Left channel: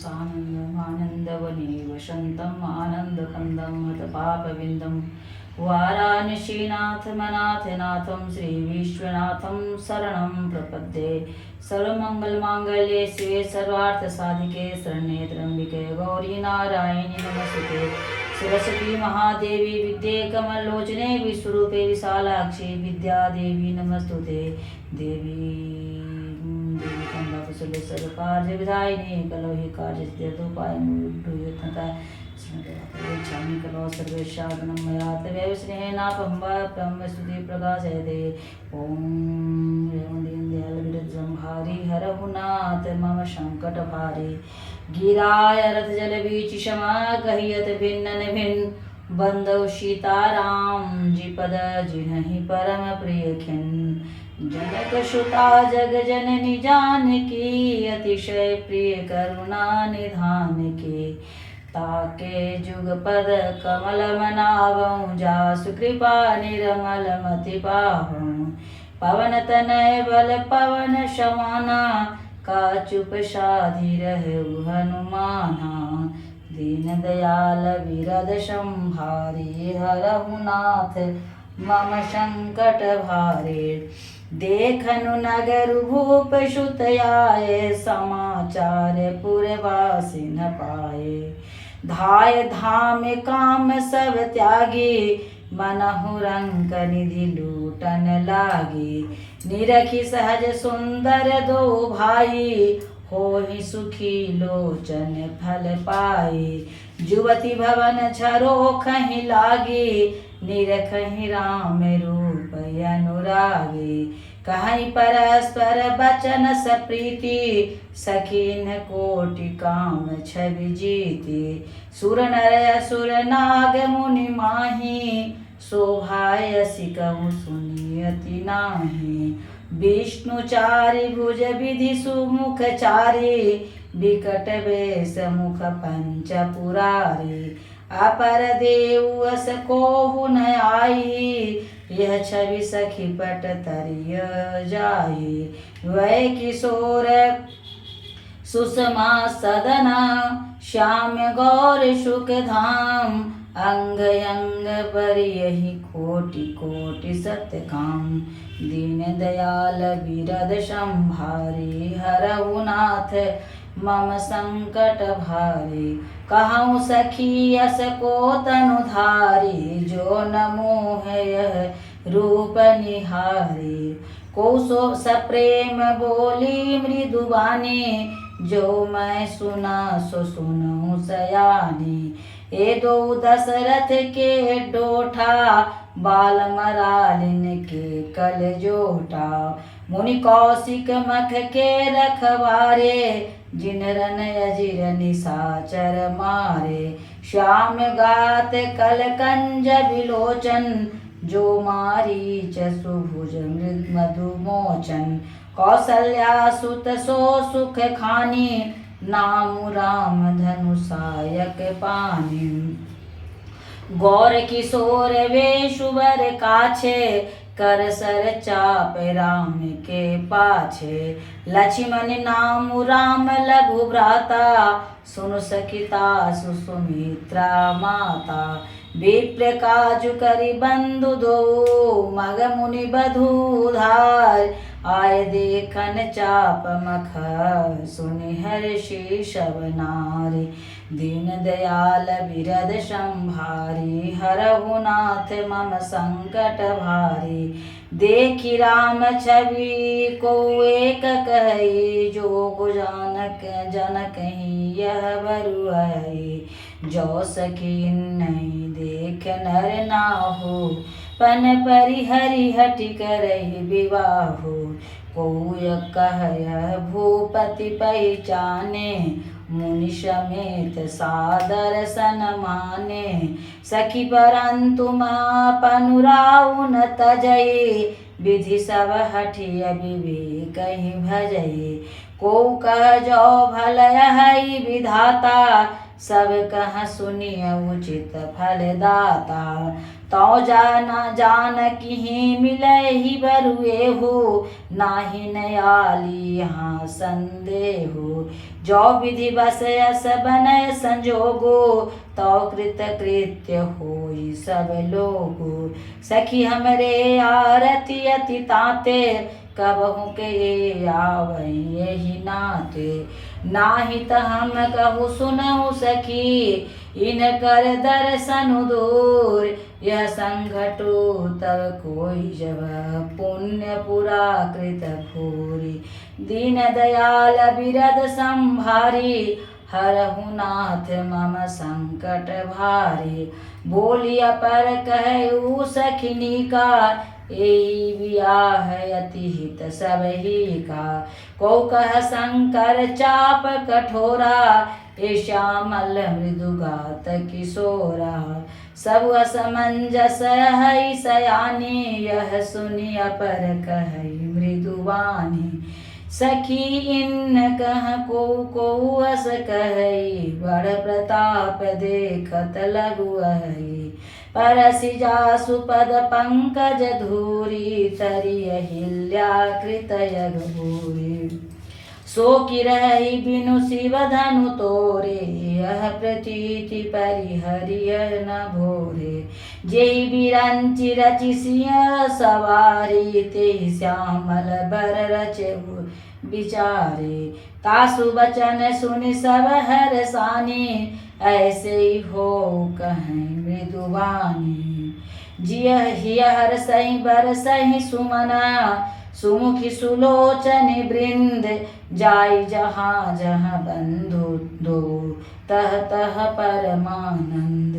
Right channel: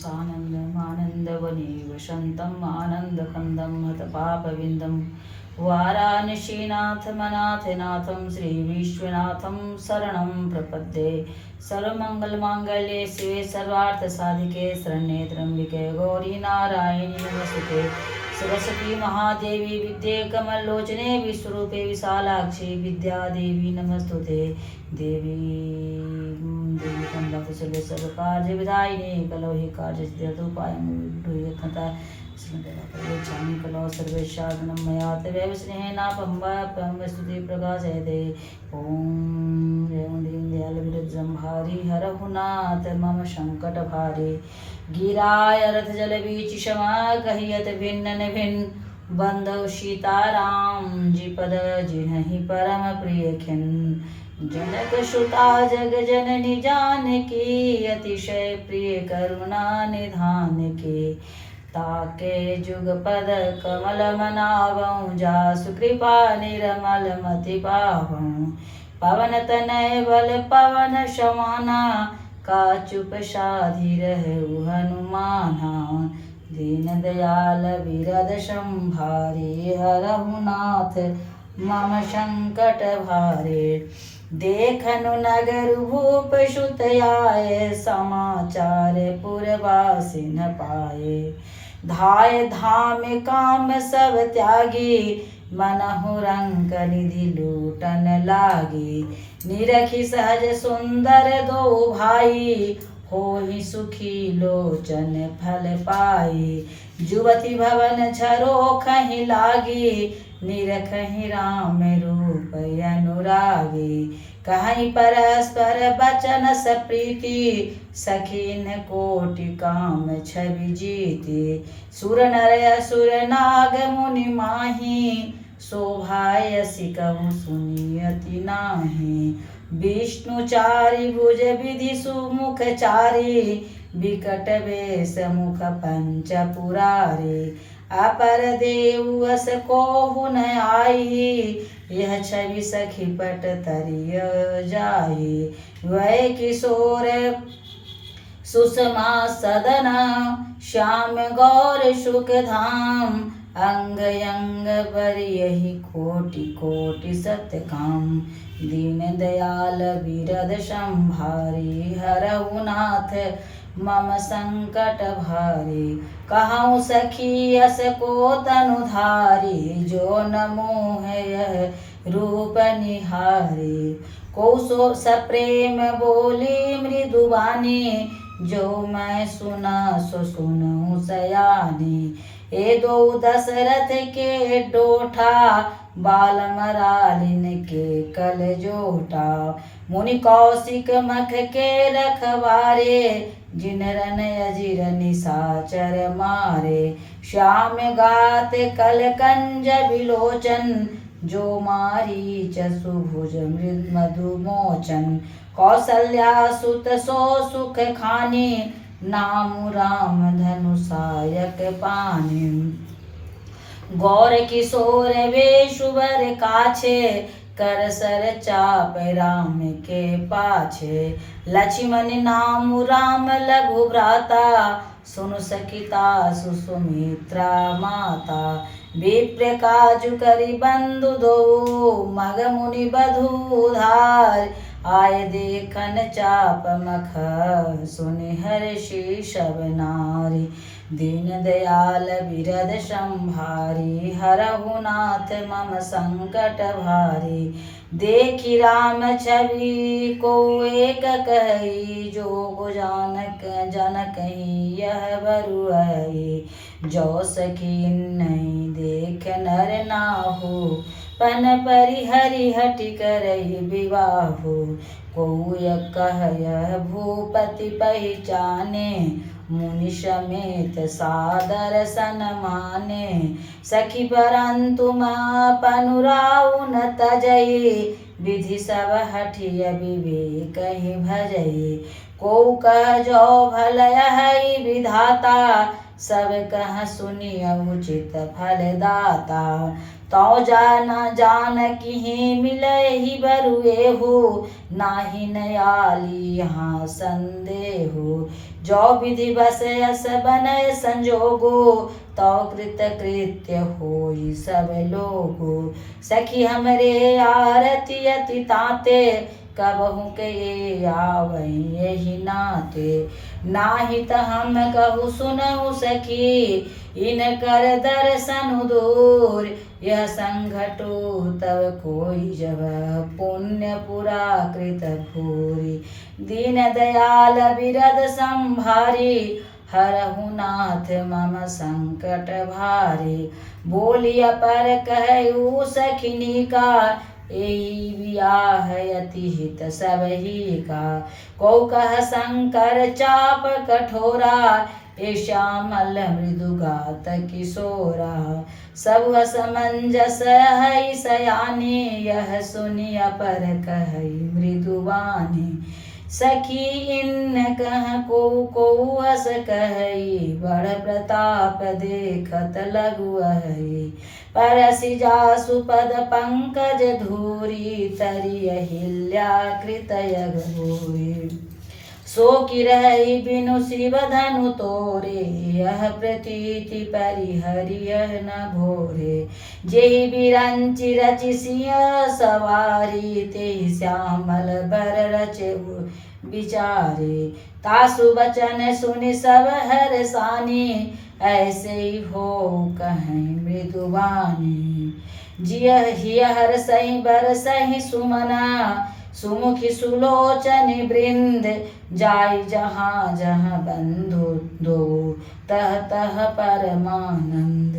सानन्दमानन्दवने वसन्तम् आनन्दकन्दं हतपापविन्दं वाराणसीनाथमनाथनाथं श्रीविश्वनाथं शरणं प्रपद्ये। सर्वमङ्गलमाङ्गल्ये शिवे सर्वार्थसाधिके शरण्ये त्र्यम्बिके गौरी नारायणि नमस्ते। सरस्वती महादेवी विद्ये कमलोचने विश्वरूपे विशालाक्षी विद्यादेवी नमस्तुते। देवी कमलाकुशले सर्वकार्यविधायिने कलो हि कार्यसिद्ध्यर्थोपायमुद्भूयतः स्मृतिच्छामि कलो सर्वेशागुणं मया तवैव स्नेहेनापहं स्तुति प्रकाशयते। ॐ दीनदयालविरजम्भारि हरहु नाथ मम सङ्कटभारे। गिराय रथजलवीचिषमा कहियत भिन्न भिन्न बंधु सीताराम जी पद जिन्हि परम प्रिय खिन। जनक सुता जग जननी जानकी अतिशय प्रिय करुणा निधान के। ताके जुग पद कमल मनावं जासु कृपा निर्मल मति पावं। पवन तनय बल पवन समाना का चुप साधि रहु हनुमाना। दीन दयाल विरद संभारे हरहु नाथ मम संकट भारे। देखनु नगर भूप सुत आए समाचार पुरवासी न पाए। धाय धाम काम सब त्यागी मनहु रंक निधि लूटन लागी। निरखी सहज सुंदर दो भाई होहि सुखी लोचन फल पाई। जुवती भवन छरो खहि लागी निरखहि राम रूप अनुरागी। कहीं परस्पर बचन सप्रीति सखीन कोटि काम छवि जीति। सुर नर असुर नाग मुनि माही शोभायसि कहूँ सुनियति नाही। विष्णु चारि भुज विधि सुमुख चारि विकट वेश मुख पंच पुरारी। अपर देव अस कोहु न आई यह छवि सखी पट तरिय जाई। वै किशोर सुषमा सदना श्याम गौर सुख धाम। अंग अंग पर यही कोटि कोटि सत्य काम। दीन दयाल विरद संभारी हरहु नाथ मम संकट भारी। कहूँ सखी अस को तनु धारी जो न मोह यह रूप निहारी। को सो सप्रेम बोली मृदुबानी जो मैं सुना सो सुनूं सयानी। ए दो दशरथ के डोठा बाल मरालिन के कल जोटा। मुनि कौशिक मख के रखवारे जिन रन अजिर निशाचर मारे। श्याम गात कल कंज विलोचन जो मारीच सुभुज मधु मोचन। कौसल्या सुत सो सुख खानी नाम राम धनु सायक पानी। गौर किशोर वेशुवर काछे कर सर चाप राम के पाछे। लक्ष्मण नाम राम लघु भ्राता सुन सखिता सुमित्रा माता। विप्र काजु करि बंधु दो मग मुनि बधूधार। आय देखन चाप मख सुनि हर्षि सब नारी। दीन दयाल विरद संभारी हरहु नाथ मम संकट भारी। देखी राम छवि को एक कही जोग जानक जनकहि यह बरुआई। जो सखी नहीं देख नर नाहु पन परिहरि हटि करहि विवाहु। को कह यह भूपति पहचाने मुनि समेत सादर सन माने। सखी परंतु पनुराउ न तजई विधि सब हठिय विवेक ही भजई। को कह जो भल हई विधाता सब कह सुनिय उचित फल दाता। तो जानकी ही मिले ही बरुए हो, नाही नयाली यहाँ संदेह हो। जो विधि बस अस बनय संजोगो, तो कृत कृत्य होई सब लोगो। सखी हमरे आरती अति ताते, कबहु के आवै यही नाते। नाही त हम कहु सुनहु सखी, इनकर दर्शन दूर। यह संघटो तब कोई जब, पुण्य पुरा कृत भूरि। दीन दयाल बिरद संभारी, हरहु नाथ मम संकट भारी। बोलिया पर कहु सखिनी का, एहि बियाह अति हित सबहि का। को कह शंकर चाप कठोरा, ए श्यामल मृदुगात किशोरा। सब असमंजस है सयाने, यह सुनि अपर कहई मृदुवानी। सखी इन कह को अस कहई, बड़ प्रताप देखत लगुअहि। परसि जासु पद पंकज धूरी, तरि अहिल्या कृत यग भूरि। सो कि रही बिनु शिव धनु तोरे, यह प्रतीति परिहरिय न भोरे। जेहि बिरंचि रचि सिंह सवारी, तेहि श्यामल बर रचे विचारे। तासु बचन सुनि सब हरसानी, ऐसे ही हो कहें मृदुवानी। जिय हिय हरसहि बरसहि सुमना, सुमुखी सुलोचन वृंद। जाई जहाँ जहाँ बंधु दो, तह तह परमानंद।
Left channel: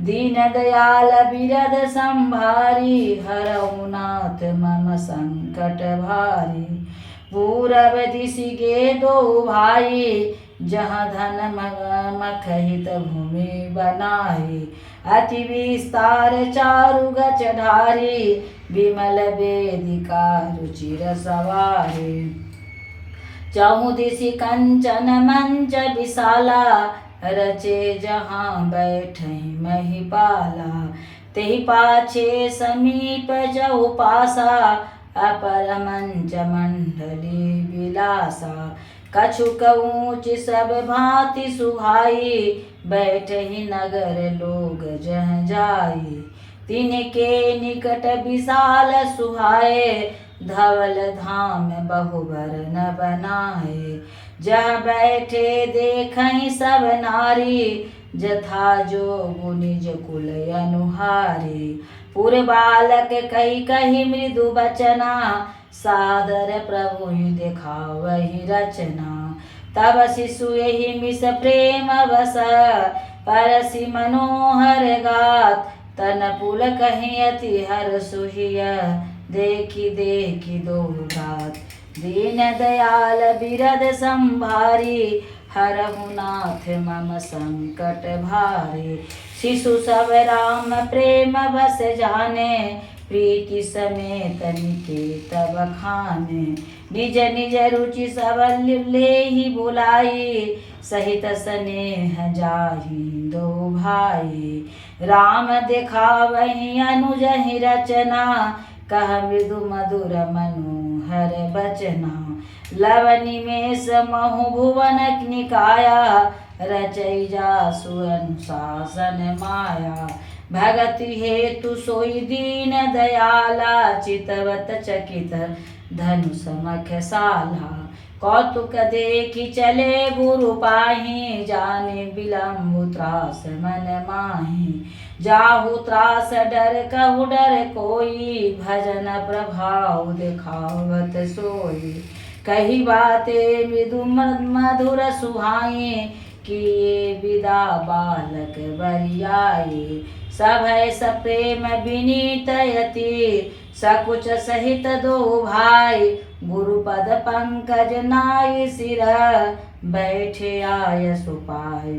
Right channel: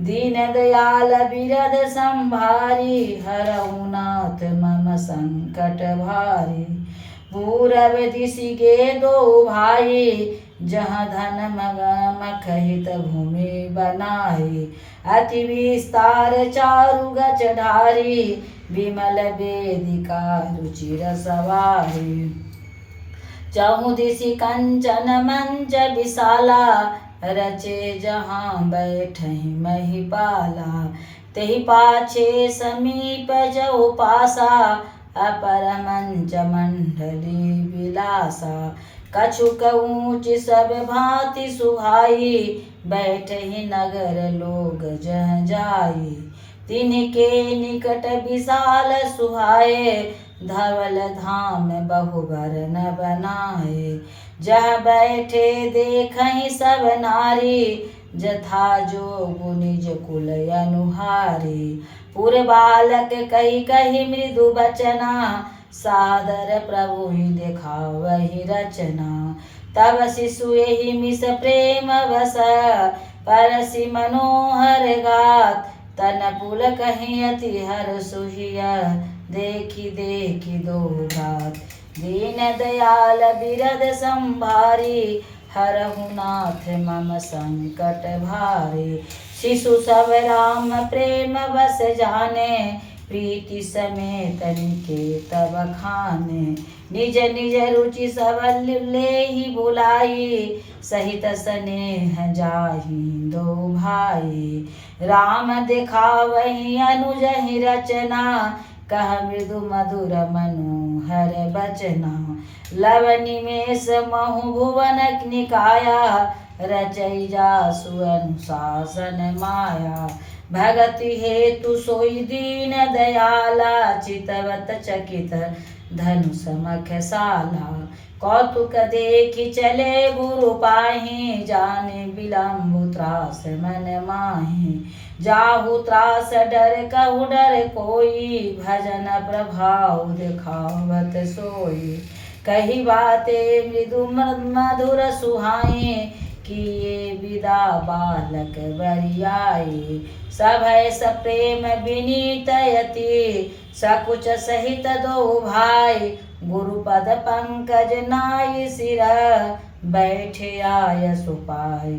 दीन दयाल बिरद संभारी, हरहु नाथ मम संकट भारी। पूरब दिशि गे दो भाई, जहाँ धन मखहित भूमि बनाई। अति विस्तार चारु गच ढारी, विमल वेदिका रुचिर सवारी। चहु दिशि कंचन मंच विशाला, रचे जहाँ बैठहि महिपाला। तेहि पाछे समीप जौ पासा, अपर मंच मंडली विलासा। कछुक ऊँच सब भांति सुहाई, बैठहि नगर लोग जह जाई। तिनके निकट विशाल सुहाए, धवल धाम बहुबर न बनाए। जह बैठे देखहि सब नारी, जथा जोगु निज कुल अनुहारी। पुर बालक कही कही मृदु बचना, सादर प्रभु ही देखावहि रचना। तब शिशु एहि मिस प्रेम बस, परसि मनोहर गात। तन पुल कहीं अति हर सुहिया, देखी देखी दो बात। दीन दयाल बिरद संभारी, हरहु नाथ मम संकट भारी। शिशु सब राम प्रेम बस जाने, प्रीति समेत निकेतन खाने। निज निज रुचि सब लेहि बुलाई, सहित स्नेह जाहि दो भाई। राम दिखावहि अनुजहि रचना, कह मृदु मधुर मनोहर बचना। लव निमेष महु भुवन निकाया, रचई जासु अनुशासन माया। भगति हेतु सोई दीन दयाला, चितवत चकित धनु समख साला। कौतुक देखि चले गुरु पाहि, जाने विलम्ब त्रास मन माहि। जाहु त्रास डर कहु डर कोई, भजन प्रभाव दिखावत सोई। कही बाते मृदु मधुर सुहाए, किए विदा बालक बरियाए। सभय सप्रेम विनीत यति, सकुच सहित दो भाई। गुरुपद पंकज नाय सिर, बैठे आय सुपाय।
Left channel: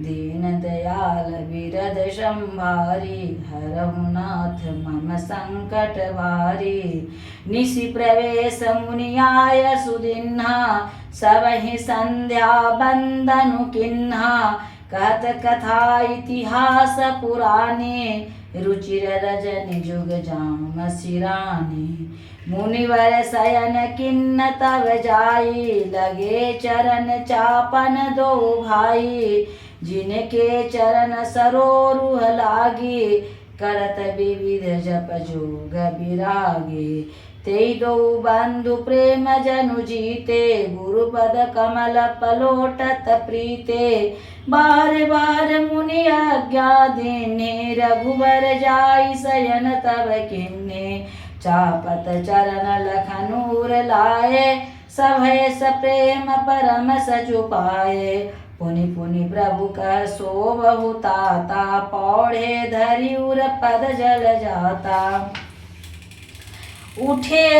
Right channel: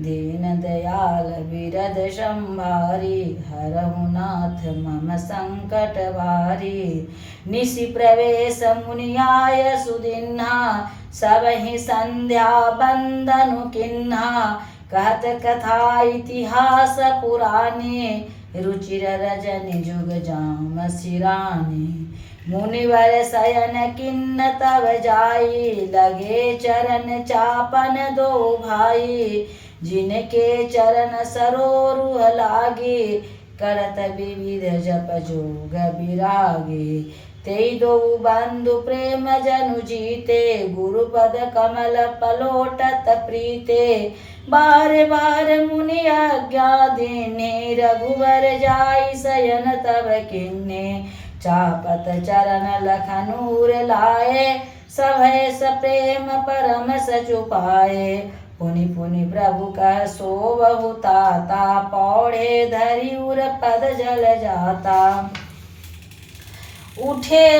दीन दयाल बिरद संभारी, हरहु नाथ मम संकट भारी। निशि प्रवेश मुनि आय सुदिन्हा, सबहि संध्या बंदनु किन्हा। कहत कथा इतिहास पुराने, रुचिर रजनि जुग जाम सिरानी। मुनिवर शयन किन्न तव जाई, लगे चरण चापन दो भाई। जिनके चरण सरोरुह लागे, करत विविध जप जोग विरागे। ते दो बंधु प्रेम जनु जीते, गुरुपद कमल पलोटत प्रीते। बार बार मुनि आज्ञा देने, रघुबर जाई शयन तब किन्ने। चापत चरण लखनूर लाए, सभय सप्रेम परम सचु पाए। पुनि पुनि प्रभु कह सो बहु ताता, पौढ़े धरि उर पद जल जाता। उठे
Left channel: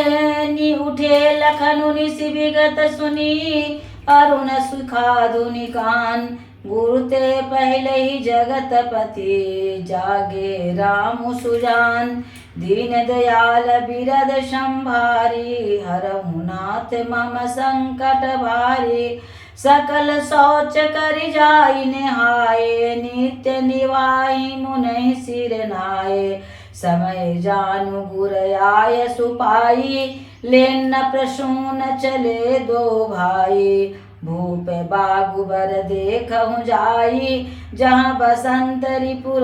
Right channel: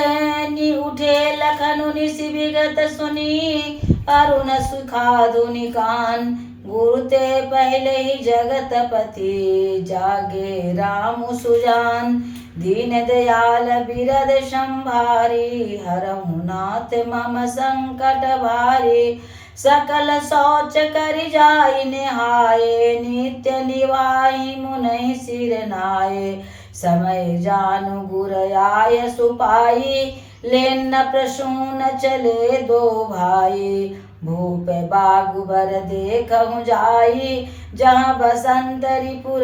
लखनु निसि विगत सुनी, अरुण सुखाधुनि कान। गुरु ते पहले ही जगत पति, जागे राम सुजान। दीन दयाल बिरद संभारी, हरहु नाथ मम संकट भारी। सकल शौच कर जाई निहाए, नित्य निवाई मुनहि सिर नाए। समय जानु गुर आय सुपाई, लेन प्रसून चले दो भाई। भूप बागुबर देखहु जाई, जहाँ बसंत रिपुर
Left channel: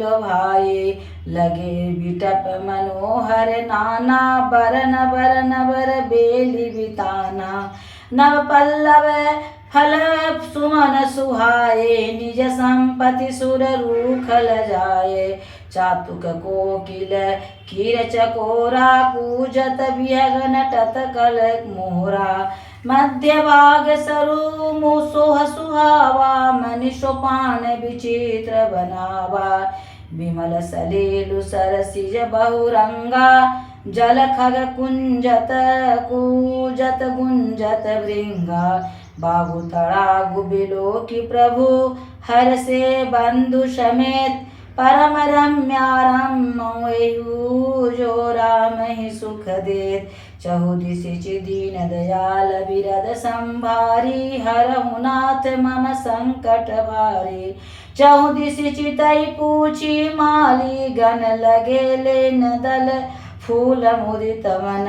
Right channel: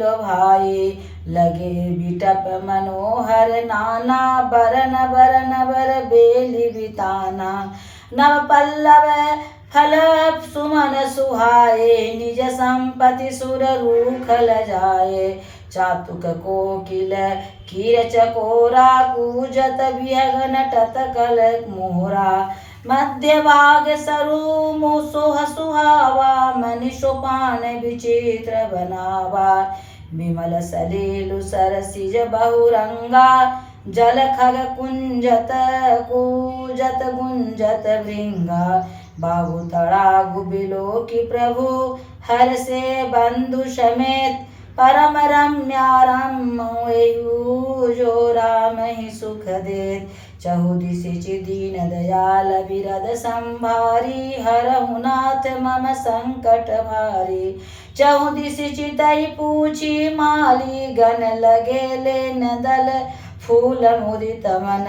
लो भाई। लगे बिटप मनोहर नाना, बरन बरन बर बेली बिताना। नव पल्लव फल सुमन सुहाए, निज संपत्ति सुर रूखल जाए। चातुक कोकिल कीर चकोरा, कूजत बिहग नटत कल मोहरा। मध्य भाग सरु मुसोह सुहावा, मनि सोपान विचित्र बनावा। विमल सलेलु सरसिज बहुरंगा, जल खग कुंजत कूजत गुंजत भृंगा। बाहु तड़ागु बिलो की प्रभु, हर से बंधु समेत। परम रम्यारम जो राम ही सुख देत। चहुदिशि दीन दयाल बिरद संभारी, हरहु नाथ मम संकट भारी। चहुदिशि चितई पूछी माली, गण लगे लेन दल फूल मुदित मन।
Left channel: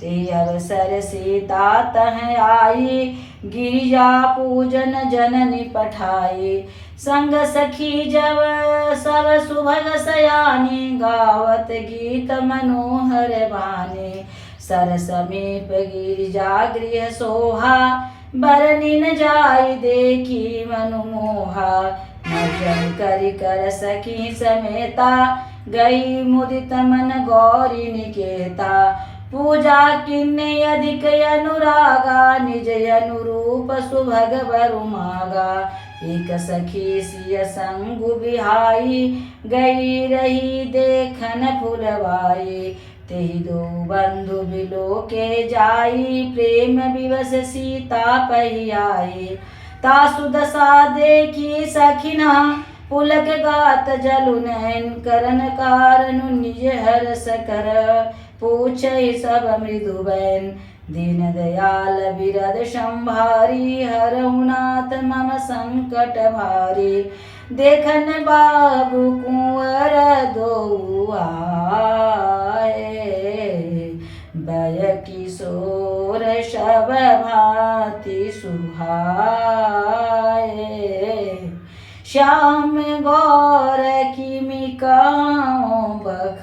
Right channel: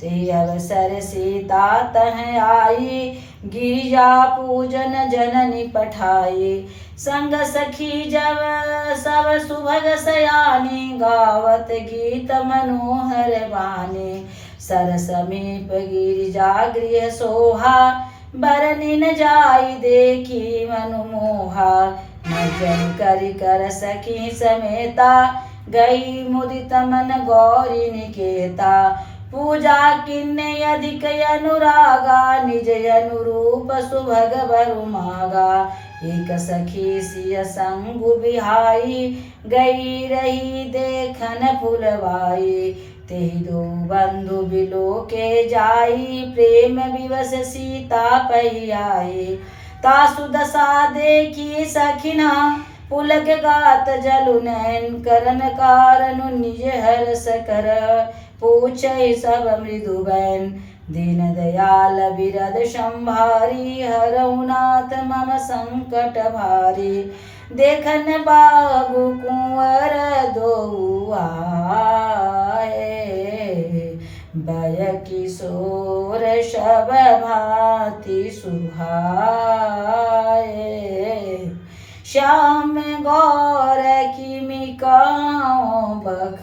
ते अवसर सीता तह आई, गिरिजा पूजन जननी पठाई। संग सखी जब सब सुभग सयानी, गावत गीत मनोहर बानी। सर समीप गिरिजा गृह सोहा, बरनिन जाई देखी मनु मोहा। मर्जन करि कर सखी समेता, गई मुदित मन गौरी निकेता। पूजा किन्ने अधिक अनुरागा, निज अनुरूप सुभग बरु मागा। एक सखी सिय संगु बिहाई, गई रही देखन फुलवाई। तेहि दो बंधु बिलो के जाई, प्रेम विवश सीता पही आई। तासु दशा देखी सखिना, पुलक गात जलु नयन। करन कारनु निज हर्ष कर, पूछहि सब मृदु बैन। दीन दयाल बिरद संभारी, हरहु नाथ मम संकट भारी। देखन बाबू कुंवर दो आए, बय किशोर शब भांति सुहाए। श्याम गौर किमि कहौं बखानी,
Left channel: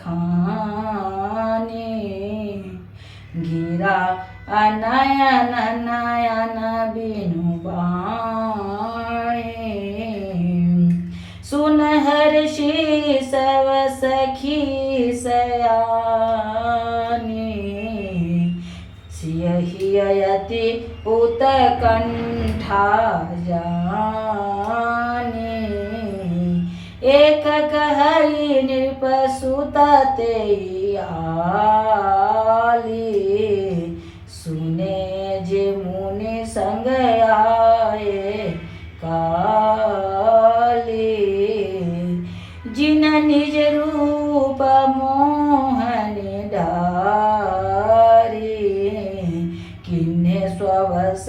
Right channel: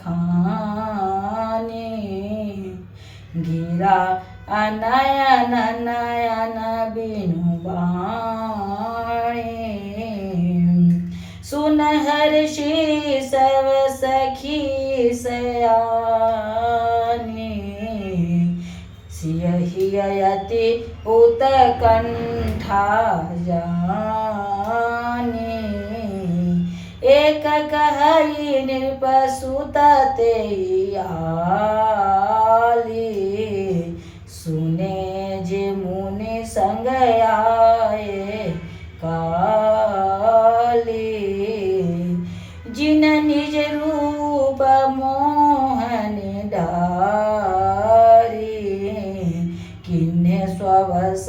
गिरा अनयन नयन बिनु बाणी। सुनहर्षि सब सखी सयानी, सियहि अयति उत्कंठा जानी। एक कहई नृप सुत तेई आली, सुने जे मुनि संग आए काली। जिन निज रूप मोहन डारी, किन्हे स्ववस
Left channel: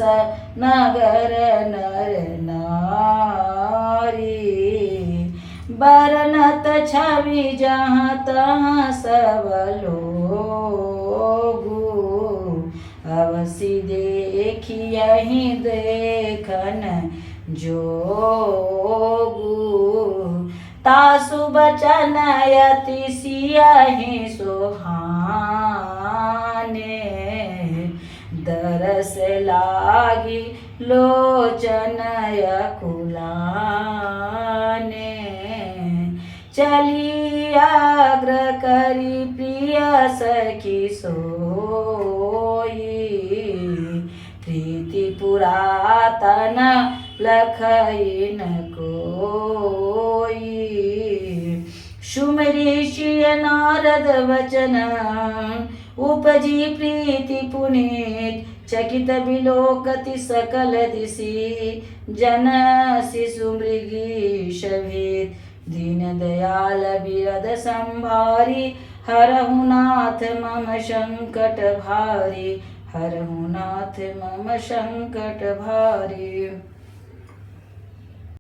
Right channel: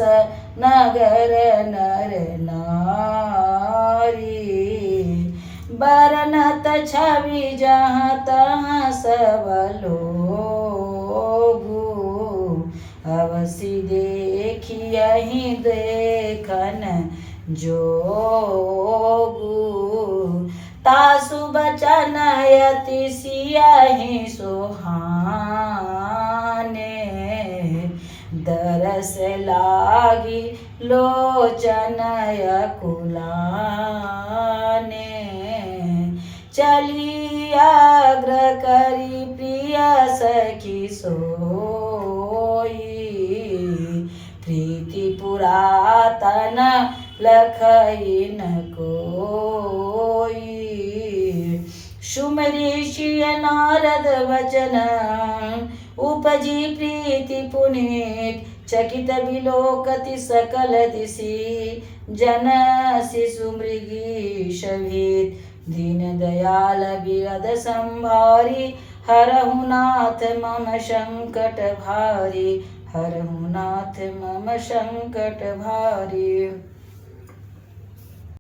नगर नर नारी। बरनत छवि जहाँ तहाँ सब लोगु, अवसि देखियहि देखन जोगु। तासु बचन अति सियहि सोहाने, दरस लागी लोचन अकुलाने। चली आग्र करी प्रिय सखी सोई, प्रीति पुरातन लखई न कोई। सुमऋषि नारद वचन उपजी प्रीति पुनीत, चकित विलोकति सकल दिशि, जन शिशु मृगी शभीत। दीन दयाल बिरद संभारी, हरहु नाथ मम संकट भारी, हरहु नाथ मम संकट भारी।